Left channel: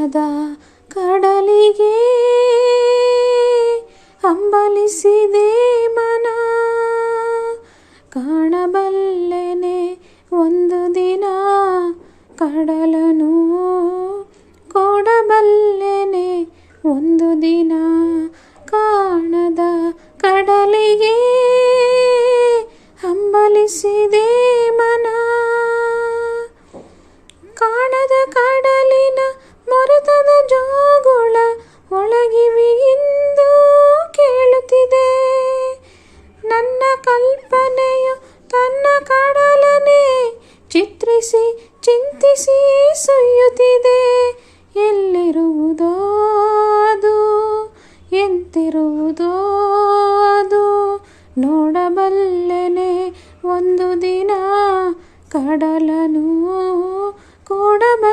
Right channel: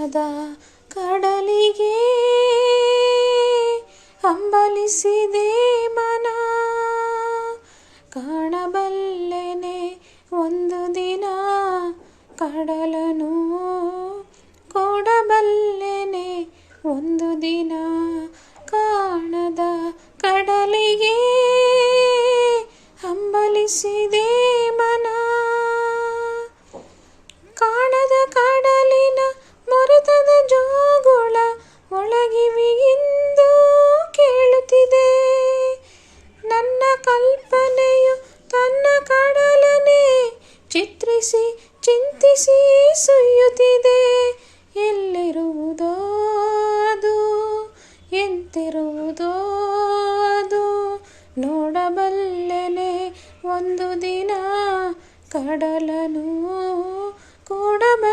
ಕಾಣದ ಕಡಲಿಗೆ ಅಂಬಲಿಸಿದೆ ಮನ. ಕಾಣಬಲ್ಲೆನೆ ಒಂದು ದಿನ ಕಡಲನು ಕೊಡಬಲ್ಲೆನೆ ಒಂದು ದಿನ ಕಾಣದ ಕಡಲಿಗೆ ಹಂಬಲಿಸಿದೆ ಎಂತಿರುವುದೋ ಅದು ನೋಡಬಲ್ಲೆನೆ. ಒಂದು ದಿನ ಕಡಲನು ಕೂಡಬಲ್ಲೆನೆ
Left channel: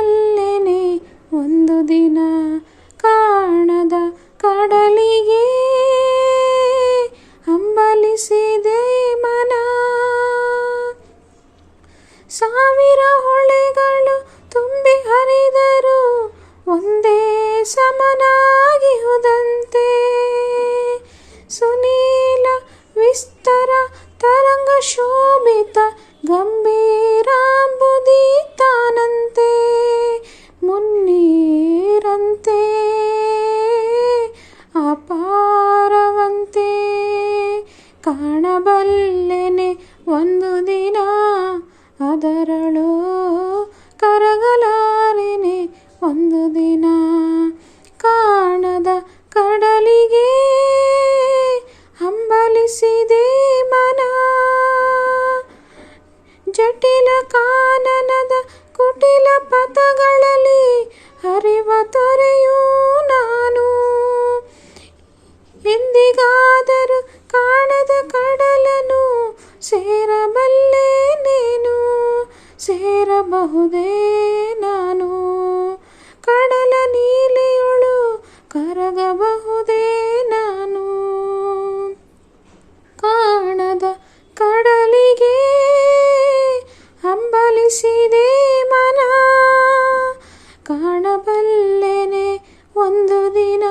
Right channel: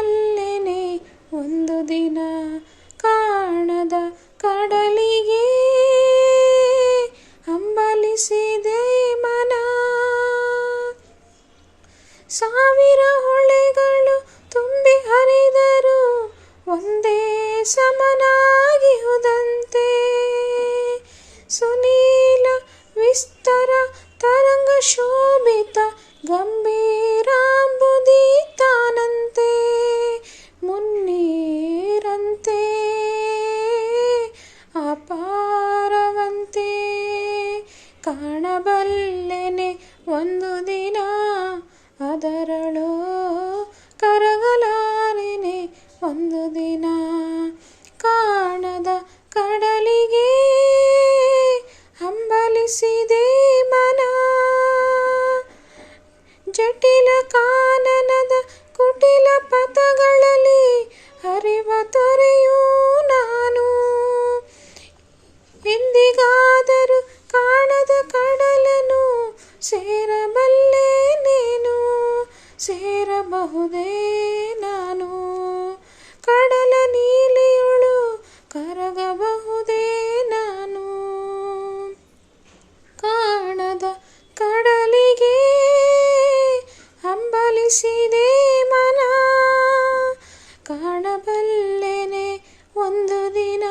ಅದರಳು ಸೇರಬಹುದೇ ನಾನು? ಕಡಲ ನೀಲಿಯೊಳು ಕರಗಬಹುದೇ ನಾನು? ಕಾಣದ ಕಡಲಿಗೆ ಹಂಬಲಿಸಿದೆ ಮನ. ಕಾಣಬಲ್ಲೆನೆ ಒಂದು ದಿನ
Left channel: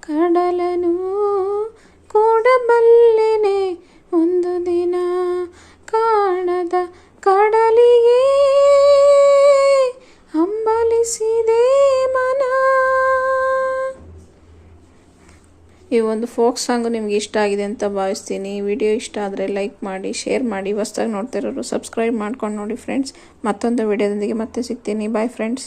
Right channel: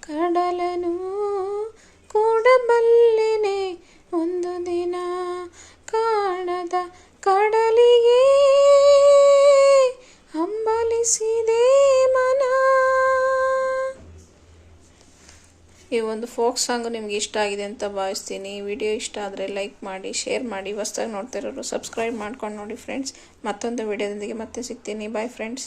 ಕಡಲನು ಈ ಒಂದು ಫೋಕ್ ಸಾಂಗ್ ನಿಮ್ಗೆ ಇಷ್ಟ ಆಗಿದೆ ಅಂತ ಭಾವಿಸ್ತೀನಿ. ವಿಡಿಯೋ ಇಷ್ಟ ಆದರೆ ಲೈಕ್ ಮಾಡಿ, ಶೇರ್ ಮಾಡಿ, ಹೊಸ್ದಾಗಿ ನೋಡ್ತಿರೋರು ಸಬ್ಸ್ಕ್ರೈಬ್ ಮಾಡ್ಕೊಂಡು ನೋಡಿ ಫ್ರೆಂಡ್ಸ್. ಮತ್ತೊಂದು ವಿಡಿಯೋದೊಂದಿಗೆ ಮತ್ತೆ ಸಿಗ್ತೀನಿ. Bye friends